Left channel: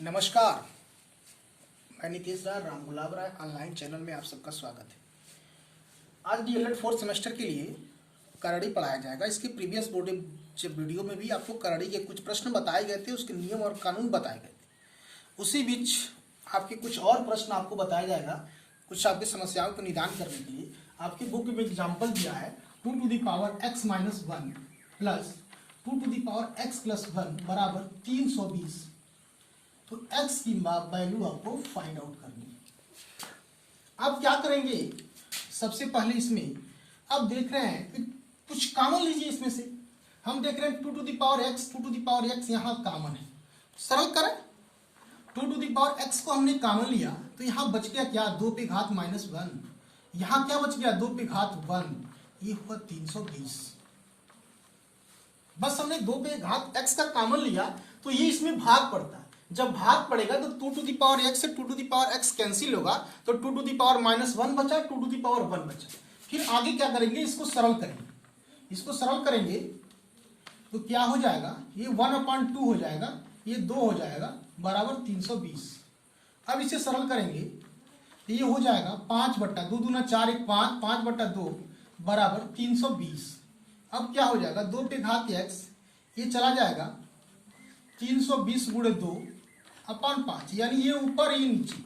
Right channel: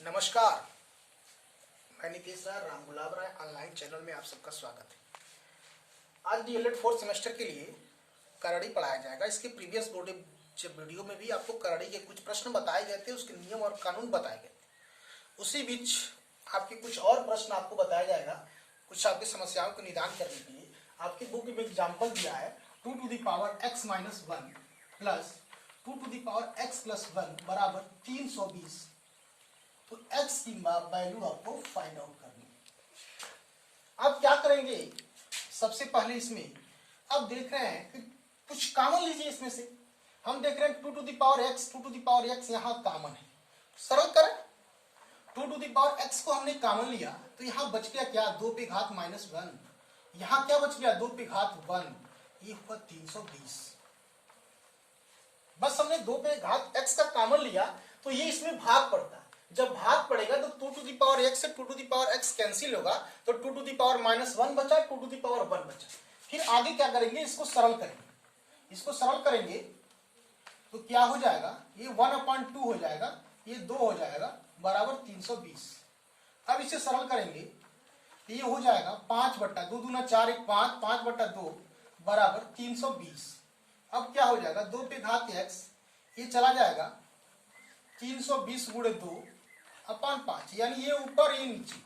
नमस्कार, मैं नीतीश राय राम गुलाब राय online channel में आप सबका स्वागत है। आज डीएलएड फोर्थ सेमेस्टर के लिए करड़ी पढ़ाया जाएगा। इसके प्रीवियस वीडियो में भी आपको करड़ी के कुछ प्रश्न बताए गए थे, उसके नियम और कानून बताए गए थे। उसी बीच आपके कुछ और प्रश्न आपको बताया जाएगा, कुछ आपकी समस्याओं का निदान करने के लिए। आपकी बुक में एग्जाम्पल दिया है 2 to the power x minus 1 plus 2 to the power x plus 1 बराबर 320। तो x की वैल्यू आपको फाइंड आउट करनी है। आप क्या करेंगे, सबसे पहले इसमें आप देख रहे हैं कि कुछ कॉमन लीजिए। इसमें से हम देख रहे हैं 2 to the power x यहाँ कॉमन है, सरल करें। 2 to the power x को हमने कॉमन लिया तो यहाँ बच गया क्या, 2 पे घात -1। यहाँ क्या बच गया, 2 पे घात 1, ये हुआ 320। बस हमने 2 पे घात x का कॉमन लिया तो ये इसमें भाग पड़ता है। जब भाग पड़ेगा तो 2 to the power x से 2 to the power x cancel होगा, तो 2 to the power -1 बचा, 2 to the power 1 बचा। फिर आगे क्या करेंगे, इसको सरल करेंगे। इसको सरल करेंगे तो क्या हो जाएगा, ये 1/2 हो जाएगा, ये 2 हो जाएगा बराबर 320। अब इसे सरल करेंगे तो ये हो जाएगा 5/2 दूना 4 1 5 5/2 बराबर 320। अब क्या हो जाएगा, 2 पे घात x ये चला जाएगा 320 गुणे 2/5, यानी ये ऊपर ये नीचे,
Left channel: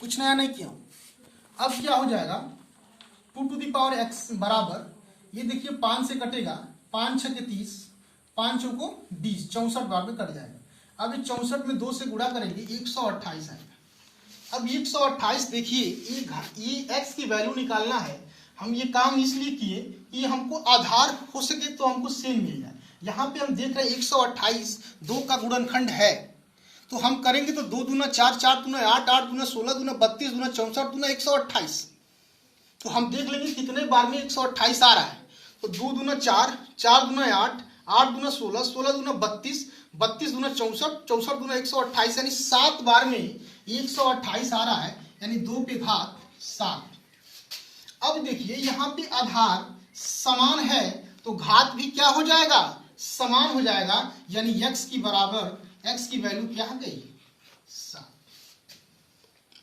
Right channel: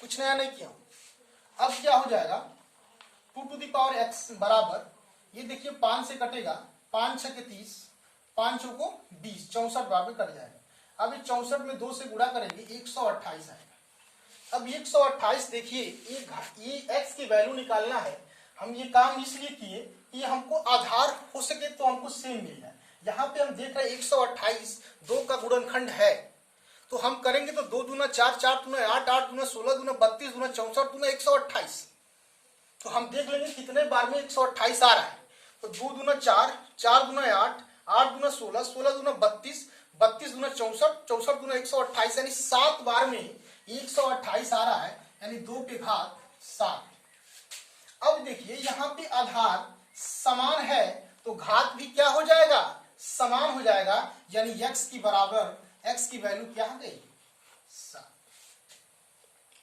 कुछ नया नहीं किया। अब क्या हो जाएगा, 2 to the power x बराबर, ये देखिए 5 से कटेगा, 5 6 के 30, 5 चौ को 20, 64 बार में कट जाएगा। अब ये 64 में 2 से गुणा करेंगे 128 आएगा। अब 128 देखिए, ये x की वैल्यू निकालना है। हम ये काम इसलिए किए कि हमको आधार हो सके तो हमको सेम मिल जाए। यहाँ पे हम देख रहे हैं 128 2 का गुणनखंड है, तो हम करेंगे तो 2 दूना 4 4 दूना 8 8 दूना 16 दूना 32 दूना 64 दूना 128। तो हम देख लेंगे कितने बार में 128 आ रहा है। तो 2 दूना 4 4 दूना 8 8 दूना 16 16 दूना 32 32 दूना 64 64 दूना 128, यानी 7 बार में 128 आ रहा है, यानी 2 पे घात 7। अब देखिए यहाँ पे आधार समान है तो घात भी क्या हो जाएगा, समान हो जाएगा, यानी x की बराबर, x की वैल्यू क्या आ गई, 7।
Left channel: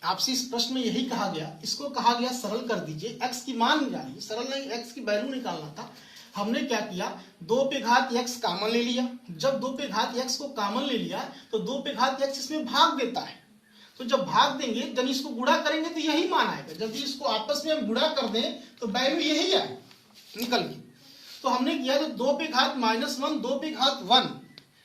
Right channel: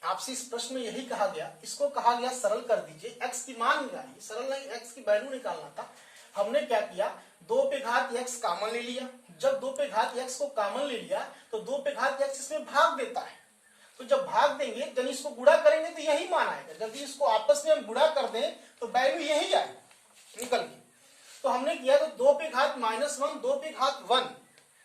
आपसे इस प्रश्न में यही कहा गया, इसको कहा गया सरल कर दीजिए, x की मान निकालिए। सरल नहीं, x की वैल्यू निकालना था। हमने क्या किया, 2 पे घात x कॉमन ले लिया। जब 2 पे घात x को कॉमन ले लिया तो 2 पे घात x इसमें भाग देता है। तो जब भाग देंगे, जब इसको गुणा करेंगे तो यही मान आएगा। जब इसको आपस में हम गुणा कर दें तो वैल्यू यही आए निकल गई। तो हमने किया तो 2 पे घात -1 2 पे घात 1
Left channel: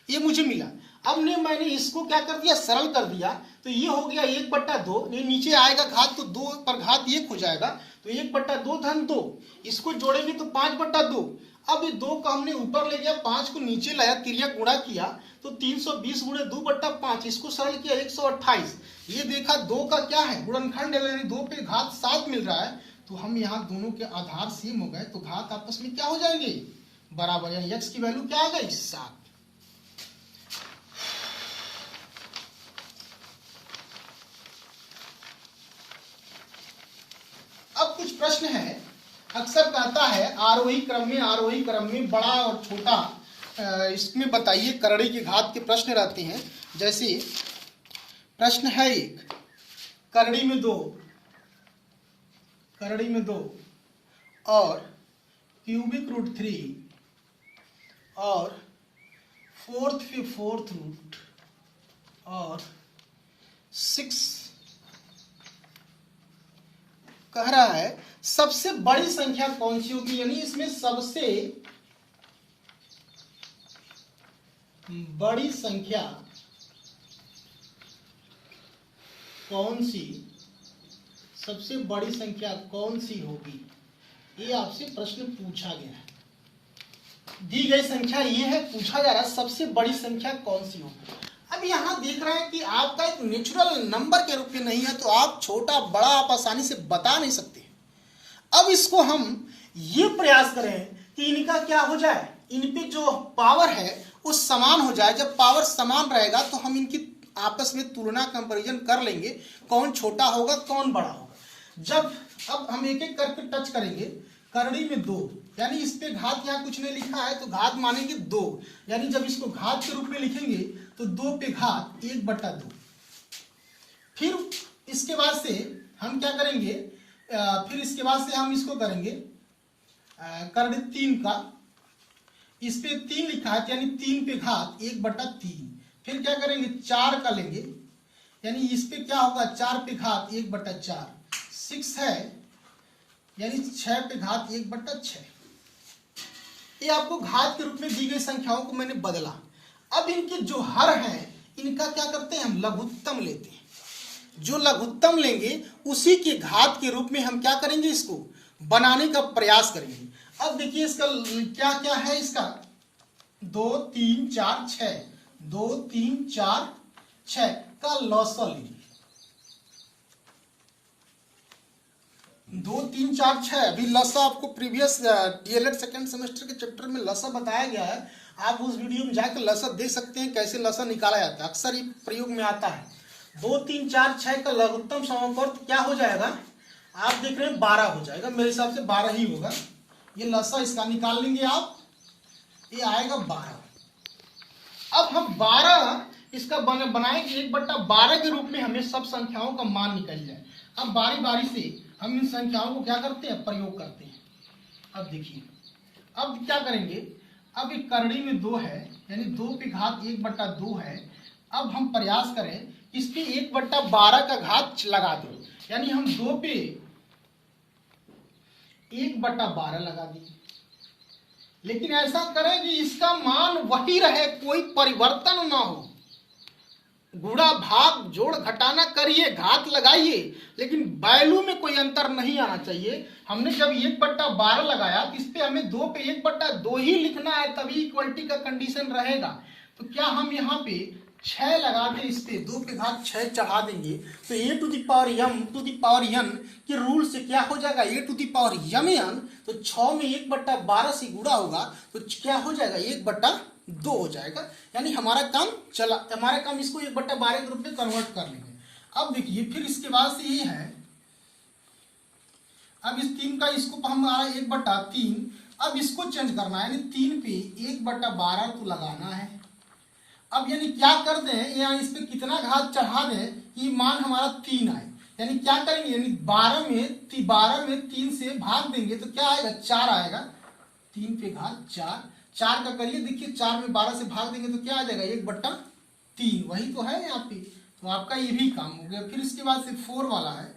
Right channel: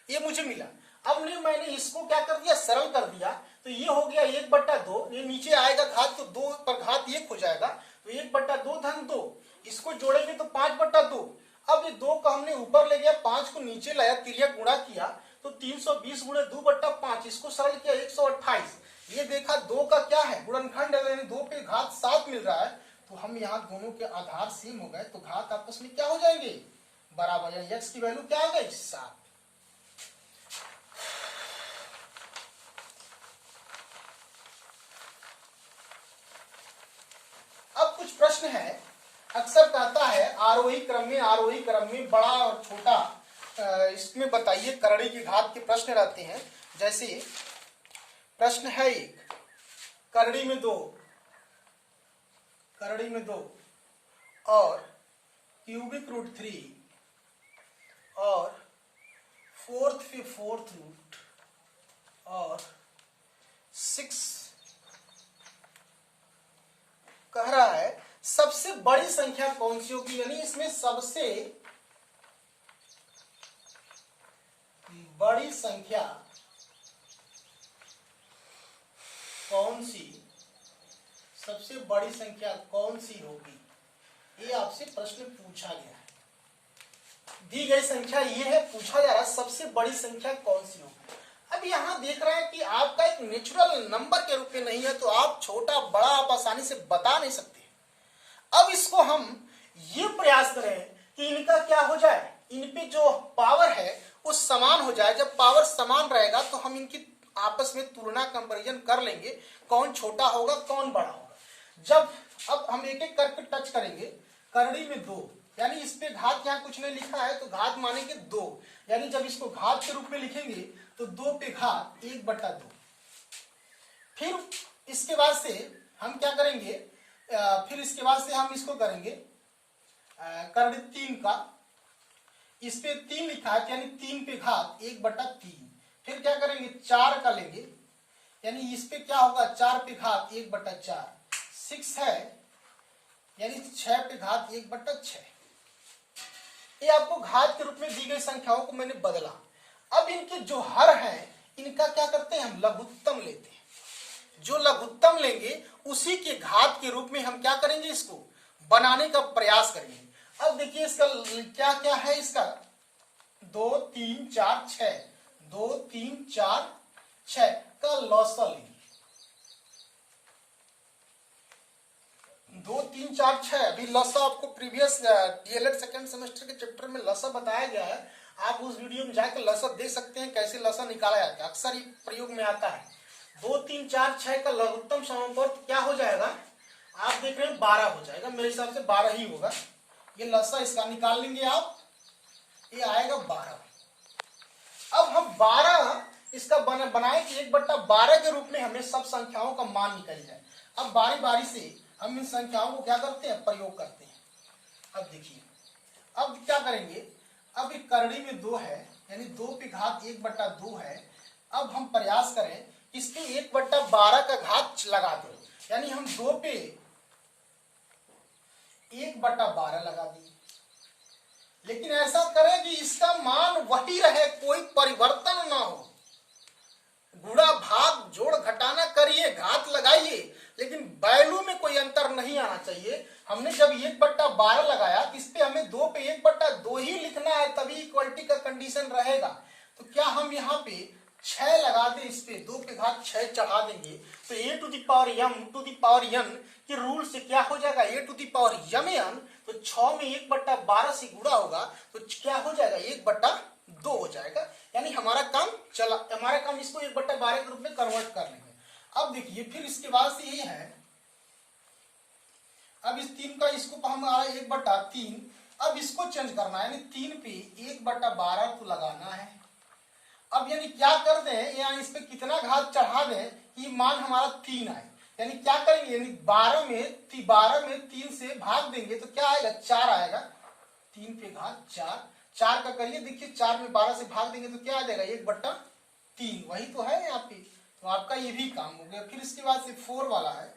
ये मुझे मिला। अब मैंने इसको क्या कर दिया, सरल कर दिया। तो ये हो गया 1/2, ये नीचे आएगा घात तो 2 पर घात 1 हो जाएगा, तो 1/2 धन 2, इसको जोड़ेंगे तो 5/2। अब ये 2 का हमने ऊपर ले गया, 5 को नीचे लाया, तिर्यक गुणा किया तो 320 गुणे 2/5, इसको सरल किया 128। ये देखा 2 का क्या है, गुणनखंड है, यानी 2 पे घात 7 मिल रहा है। तो हम यहाँ दोनों के आधार सेम हो गए तो घात आपस में क्या हो जाएंगे, बराबर, यानी x की वैल्यू क्या आ गई, 7। अब कुछ प्रश्न है, अक्सर कहता है आरोही क्रम में बड़ा और छोटा, इसमें बताइए करड़ी के घात के प्रश्न रहते हैं। जैसे प्रश्न है एक, करड़ी में 2 और क्यूबिक रूट 3 और 4th रूट और 6 कह रहा है सबसे बड़ी संख्या कौन सी होगी, यानी इसमें सबसे बड़ी संख्या कौन सी, सबसे बड़ी संख्या कौन सी होगी, ये आपसे प्रश्न पूछा गया है। दी गई संख्या ये है, पूछा जा रहा है सबसे बड़ी संख्या कौन सी होगी। अब यहाँ देख रहे हैं कि आपका एक नेचुरल नंबर के रूप में नहीं है, तो आप छोटा बड़ा आप आसानी से बता नहीं सकते। अब इसको हम ये प्रयास करें कि इनका क्या हो जाए, इन पे जो पावर है वो समान हो जाए। जब पावर समान रहेगा तो हम इनकी आपस में तुलना कंपैरिजन कर लेंगे, कौन छोटा होगा कौन बड़ा होगा। जब अब हम एक एक करके टच करेंगे, करड़ी में 2 यानी इस पे घात यहाँ कुछ नहीं लिखा है तो घात मानेंगे 2, यानी जब इसको घात के रूप में लिखेंगे तो 2 पे घात 1/2। फिर इसके बाद से हम क्या करेंगे, फिर इसके बाद से हम इसको करेंगे कर दे 3 का, इस पे 3 लिखा है यानी 3 पे घात 1/3। फिर क्या करेंगे 4 का लेंगे, यानी इस पे क्या होगा 4 पे घात 1/4। 6 है यानी 6 पे घात 1/6। ये आपको घात के रूप में दी गई संख्याओं को मैंने बदला। अब इनके जो हर हैं इनका क्या करते हैं, हम लघुत्तम लेते हैं। जो लघुत्तम लेंगे उसी के घात के रूप में हम क्या करेंगे, इसको बनाने का प्रयास करेंगे। अब देखिए इसका क्या क्या है, इसका 2 3 4 6, 2 3 4 6 का लॉसा लेंगे। 2 3 4 6 अभी लसा आपको प्रीवियस डीएलएड सेकंड सेमेस्टर के चैप्टर में लसा बताया गया है। आप उस वीडियो में जाकर लसा देख सकते हैं कैसे लसा निकाला जाता है, अक्सर ये प्रयोग में आता है। 2 3 4 6 का लघुत्तम समापवर्त क्या हो जाएगा, आप देख रहे हैं 12 हो जाएगा, मेरे हिसाब से 12 ही होगा। ये लसा इसका निकाल लेंगे आप, ये आएगा 12। अब हम 12 इसका बनाएंगे 1/12 के रूप में, हमें सब संख्याओं का मान निकल जाए। अब बारी बारी से हम इन संख्याओं को क्या करते हैं, प्रयोग करते हैं। अब देखिए अब क्या करेंगे, अब एक करड़ी में 2 है यानी 2 पे घात 1/2 है। अब हम प्रयास करें इसके 1/12 का घात लगा दो, यानी हम 2 पे 1/12 लगा दिए। लेकिन ऐसा करें कि इसका मान वही रहे, कोई परिवर्तन ना हो। गुणा भाग जोड़ घटाना करिए, घात लगाइए, लेकिन वैल्यू में कोई अंतर नहीं आना चाहिए। हमने जब 1/12 लगाया तो इस पे हमें 2 पे 1/2 ही लिखना है, तभी इक्वलिटी का कंडीशन रहेगा। तो क्या हम यहाँ पे 6 लगा दें, इस पे 2 पे घात 6 चढ़ा देंगे तो a to the power n के रूल से क्या हो जाएगा, a to the power m। तो 6 में 1/12 से गुणा होगा तो क्या हो जाएगा 1/2 हो जाएगा। यानी हमारा काम चला, हमारा काम इसको 1/12 के रूप में कन्वर्ट कर लेंगे। अब देखिए फिर इसके बाद से ये है, अब इस 3 का इसको हम आ रहा है 1/3। अब इसको चेंज करना है, यानी 3 पे 1/12 को लगाना है। अब यानी क्या कर दें, यानी इस पे कितना घात चढ़ा दें कि मान हमारा 3 आए। यानी क्या करेंगे, यानी 12 में 3 से भाग देंगे तो क्या आएगा 4 आएगा। 3 पे घात 4 का करिए, देखिए 4 में 12 से भाग देंगे तो क्या आ जाएगा 1/3, वही तो है यहाँ पे। तो आपका ये भी काम हो गया। फिर इसके बाद से 4 वाला है,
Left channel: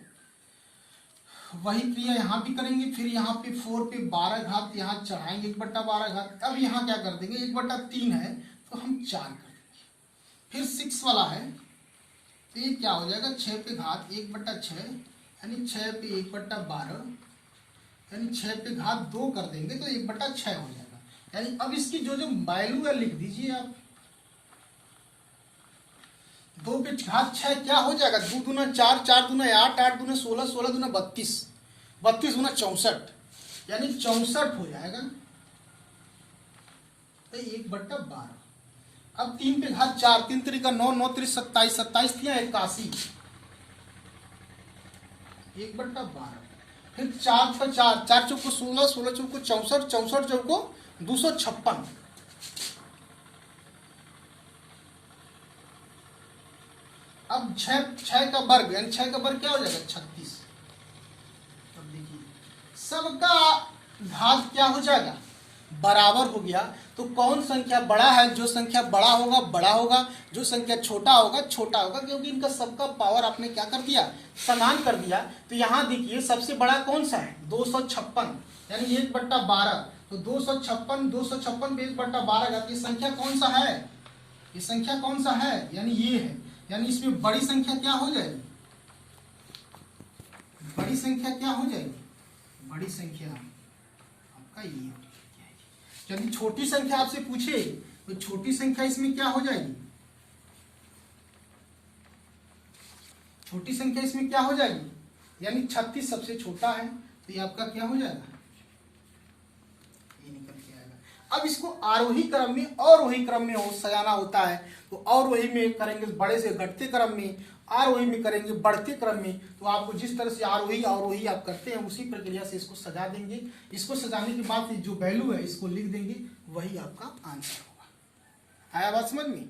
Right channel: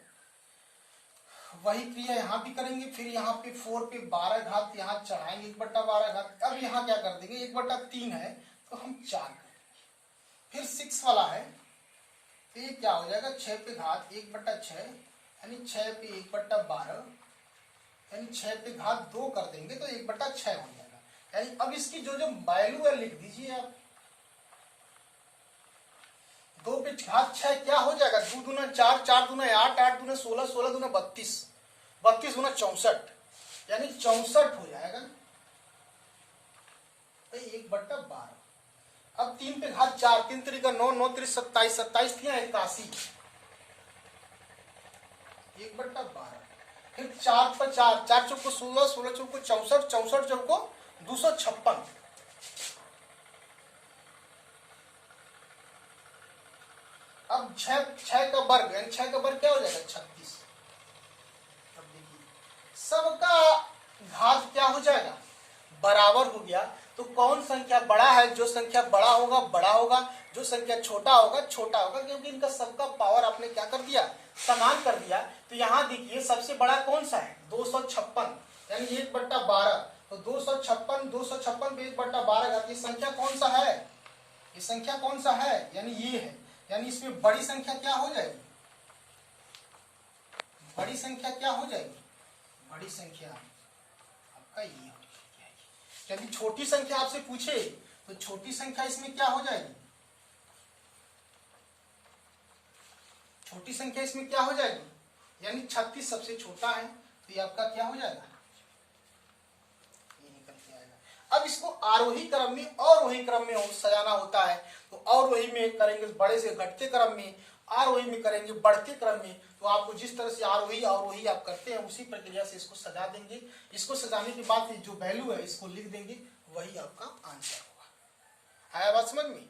वही क्रिया यहाँ भी करेंगे। फिर यहाँ पे 4 पे 12 घात यहाँ चढ़ाएंगे 1/12 घात। अब यहाँ क्या कर देंगे, 1/3 है तो हम 4 कर देंगे। फिर 6 वाला है तो ये क्या हो जाएगा 6 पे घात 1/6, यानी 6 पे 1/12, यानी 6 पे घात 2 कर देंगे तो 1/6 हो जाएगा। यानी अब इसकी जो वैल्यू है लिख दीजिए आप। 2 पे घात 6 क्या हो जाएगा, 2 दूना 4, 4 दूना 8, 8 दूना 16, 16 दूना 32, 32 दूना 64, यानी 64 हो जाएगा तो 1/12। अब 3 पे घात 4, 3 3 का 9, 9 3 27, 27 थी 81, 1/12। फिर 4 पर 4, 4 चौको 16, 16 चौको 64, 64 चौको 256। अब 6 का वर्ग, यानी 6 का वर्ग क्या हो जाएगा 36। अब देखिए सबका घात क्या हो जाएगा, बराबर हो गया। तो कौन संख्या बड़ा है, जो संख्या बड़ा होगा बड़ा होगा, जो संख्या छोटा होगा छोटा होगा, क्योंकि इनका सबका पावर आपने क्या कर दिया, समान कर दिया। तो यहाँ देखिए सबसे बड़ा कौन सा है 256, यानी 1/12। तो 256 पे 1/12 घात, ये संख्या कौन सा है, ये संख्या कौन सा है, यानी ये है। यानी इसमें बड़ी संख्या क्या हो जाएगी, बड़ी संख्या क्या हो जाएगी, बड़ी संख्या आपका ये हो जाएगी। यदि छोटी संख्या आपसे पूछे तो छोटी संख्या इसमें क्या हो जाएगी, छोटी संख्या इसमें क्या हो जाएगी, यानी 36 सबसे छोटा है तो ये आपका क्या हो जाएगा, ये निकल के आएगा। अब इसको आरोही क्रम में और वही क्रम में सजाना होता है, तो और वही में करेंगे बड़े से घटते क्रम में, आरोही में करेंगे बढ़ते क्रम में, तो आपको जिस तरह से आरोही अवरोही आप करते हैं उसी प्रक्रिया से इसको सजा देंगे। इसको सजाने के बाद जो वैल्यू है इसको लिख देंगे, वही आपका आंसर होगा। आया बात समझ में?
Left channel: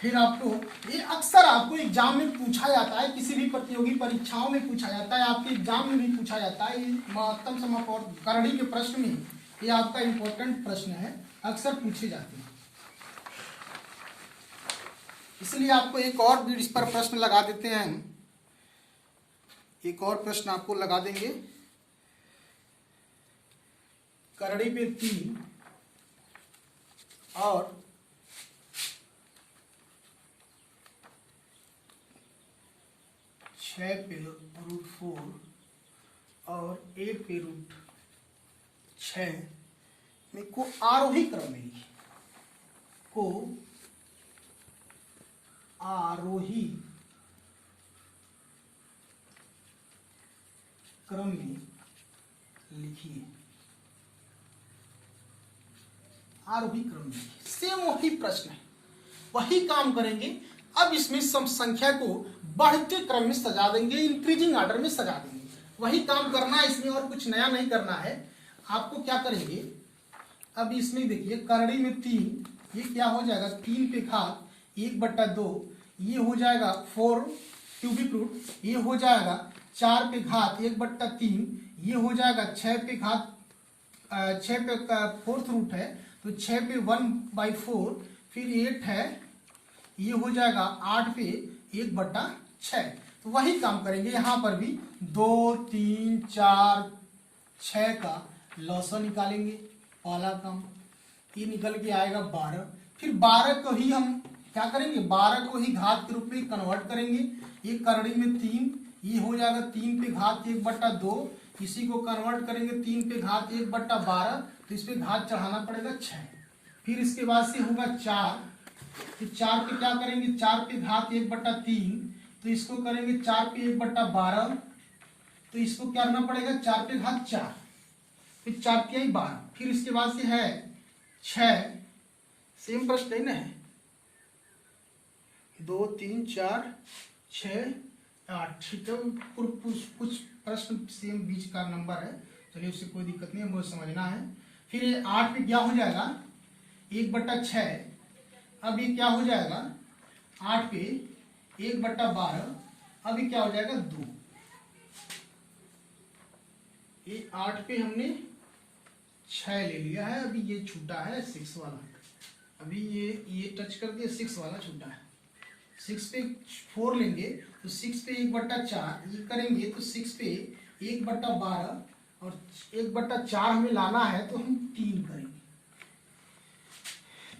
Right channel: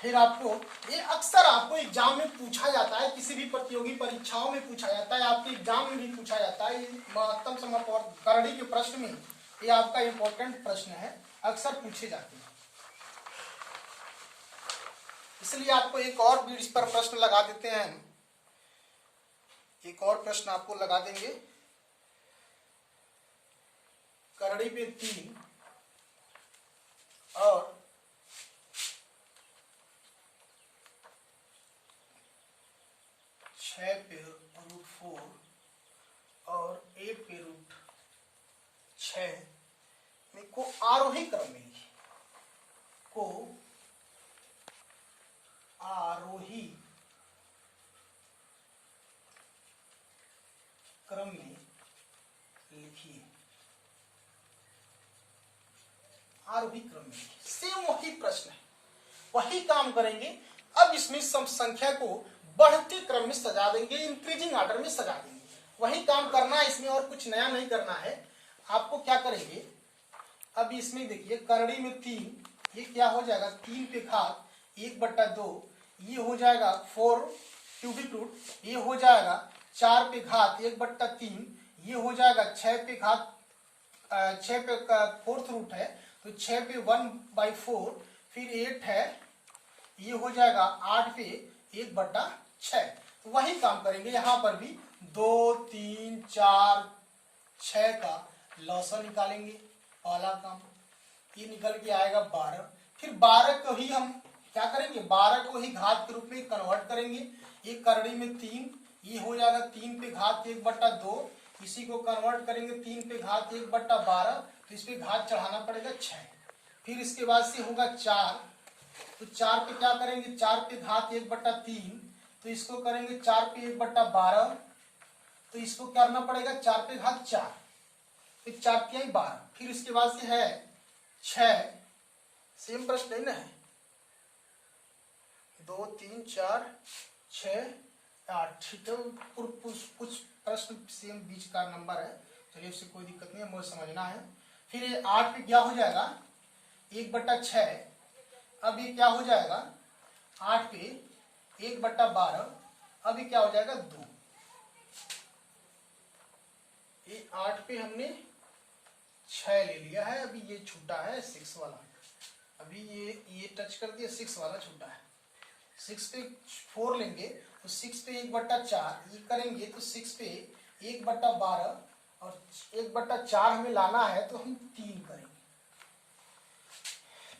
फिर आपको ये अक्सर आपको एग्जाम में पूछा जाता है, किसी भी प्रतियोगी परीक्षाओं में पूछा जाता है, आपके एग्जाम में भी पूछा जाता है। ये महत्तम समापन करणी के प्रश्न में ये आपका इंपॉर्टेंट प्रश्न है, अक्सर पूछे जाते हैं। इसलिए आपको एक और भी इस पर प्रश्न लगा देते हैं हम, एक और प्रश्न आपको लगा देंगे। करड़ी पे 3 और 6 पे √4 और 8 पे √6 में को आरोही क्रम में लिखिए, को आरोही क्रम में लिखिए, आरोही क्रम में। सेम वही प्रश्न है, वही काम करेंगे। अब इसमें सम संख्या को बढ़ते क्रम में सजा देंगे, इंक्रीजिंग ऑर्डर में सजा देंगे। वही काम करना है इसमें, और कुछ नया नहीं करना है। आपको क्या करेंगे, अब इसमें देखिए करड़ी में 3, ये क्या हो जाएगा 3 पे घात 1/2, ये हो जाएगा 4 क्यूबिक रूट, ये हो जाएगा 4 पे घात 1/3, ये हो जाएगा 6 पे घात 6 पे 4th रूट है तो 6 पे 1/4, फिर 8 है, ये हो जाएगा 8 पे 1/6। तो वही काम करेंगे यहाँ पर भी, 2 3 4 6 का लॉसा निकालेंगे, पहला काम ये निकल के आएगा 12। फिर 12 को ही हम क्या करेंगे, 12 को ही घात के रूप में कन्वर्ट करेंगे। ये करड़ी में 3, ये हो जाएगा 3 पे घात 1/2, इसी को कन्वर्ट करेंगे 3 पे घात 1/12, तो इस पे घात चढ़ाना पड़ेगा 6। फिर इसके बाद से होगा 4, तो 4 पे क्या करेंगे, 4 पे घात 1/3, तो इसको करेंगे 4 पे 1/12, तो इसको करना पड़ेगा 4 पे घात 4, फिर 4 के 12। फिर इसके बाद से है 6, सेम प्रश्न नहीं ना है, 2 3 4 6 8, ठीक है। कुछ प्रश्न सेम बीच का नंबर है, चलिए उससे कोई दिक्कत नहीं है, मुझे समझना है। फिर ये 8 पे क्या हो जाएगा 1/6, अब ये क्या हो जाएगा 8 पे 1/12, अब ये क्या हो जाएगा 2। ये 8 पे हमने 6 ले लिया है, अभी ये छूटा है 6 वाला, अभी ये टच कर दिया, 6 वाला छूटा है। 6 पे 4 लेंगे तो 6 पे 1/4, ये करेंगे तो 6 पे 1/12 और 1/4 हमें लाना है तो हम 3 करेंगे।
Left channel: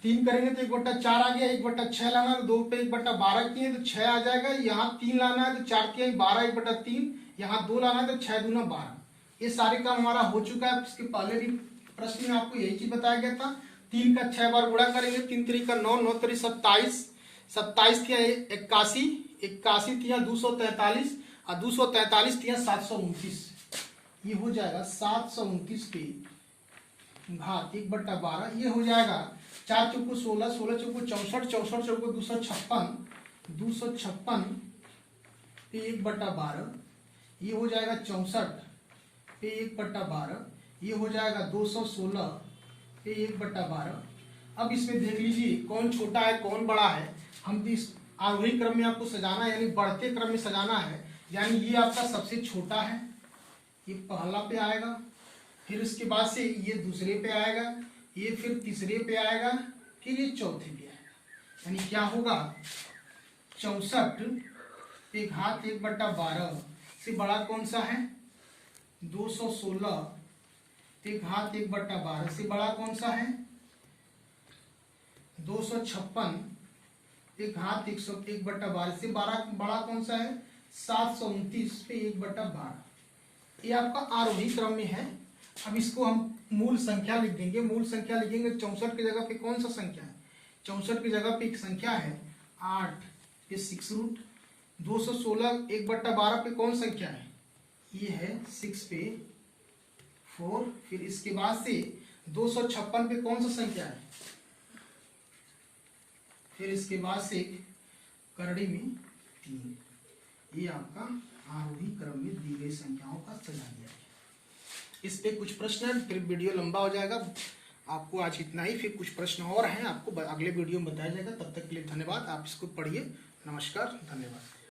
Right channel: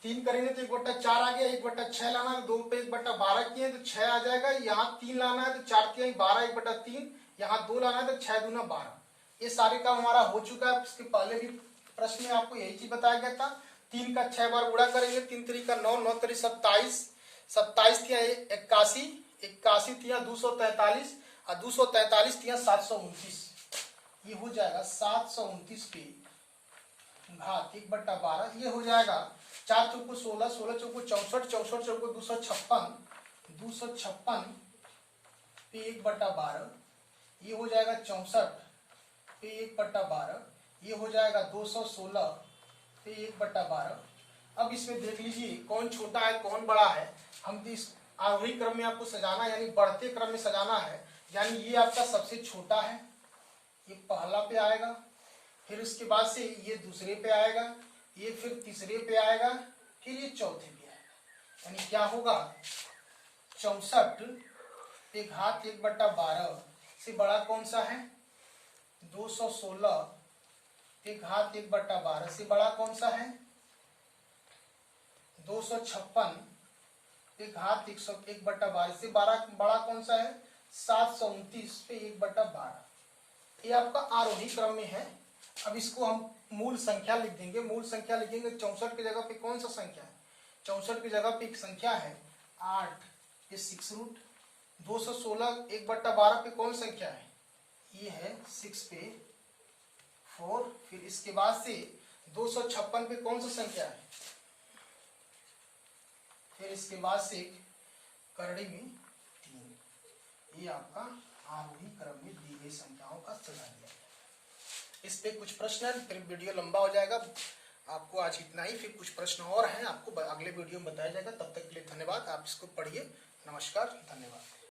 3 करेंगे तो 1/4 आ गया, 1/6 लाना है तो 2 पे 1/12 किए तो 6 आ जाएगा। यहाँ 3 लाना है तो 4 के 12, 1/3, यहाँ 2 लाना है तो 6 दूना 12। ये सारे काम हमारा हो चुका है। इसके पहले भी प्रश्न में आपको यही चीज बताया गया था। 3 का 6 बार गुणा करेंगे, 3 3 का 9, 9 3 27, 27 तिया 81, 81 तिया 243 और 243 तिया 729, ये हो जाएगा 729 के घात 1/12, ये हो जाएगा 4 चौको 16, 16 चौको 64, 64 चौको 256, 256 पे 1/12, ये हो जाएगा 64 पे 1/12, ये हो जाएगा 216 पे 1/12। अब इसमें देख लीजिए कौन छोटा है कौन बड़ा है। हम इस आरोही क्रम में आपको सजाना है, यानी बढ़ते क्रम में सजाना है। यानी ये आपका सबसे छोटा है, ये पहला पे आएगा, फिर उसके बाद से ये दूसरे पे आएगा, ये फिर तीसरे पे आएगा, फिर ये चौथे पे आएगा। यानी क्या होगा 64 पे घात 1/12 से बड़ा कौन सा है, 216 पे घात 1/12 से बड़ा कौन सा है, 256 पे घात 1/12 से बड़ा कौन सा है, 729 पे 1/12। ये आपका आरोही क्रम में है। अब इसको हम मूल संख्या लिख देंगे। मूल संख्या लिखेंगे 64 की जगह पे कौन सा संख्या है, 64 की जगह पे एक संख्या है 8 पे 6 रूट, 216 1/12 पे कौन संख्या है, ये है 6 पे 4, फिर इसके बाद से 256 पे कौन सा संख्या है, फिर इसके बाद से करड़ी में 3, ये आपका आरोही क्रम में दी गई संख्याओं का सजा दिया गया। इस पे कुछ प्रश्न है, फिर वीडियो लंबा हो जाएगा। आपको आज इतना ही, फिर कुछ प्रश्न और हैं आपको अगले वीडियो में बताया जाएगा। तब तक के लिए धन्यवाद। आप इसको पढ़िए। नमस्कार, धन्यवाद।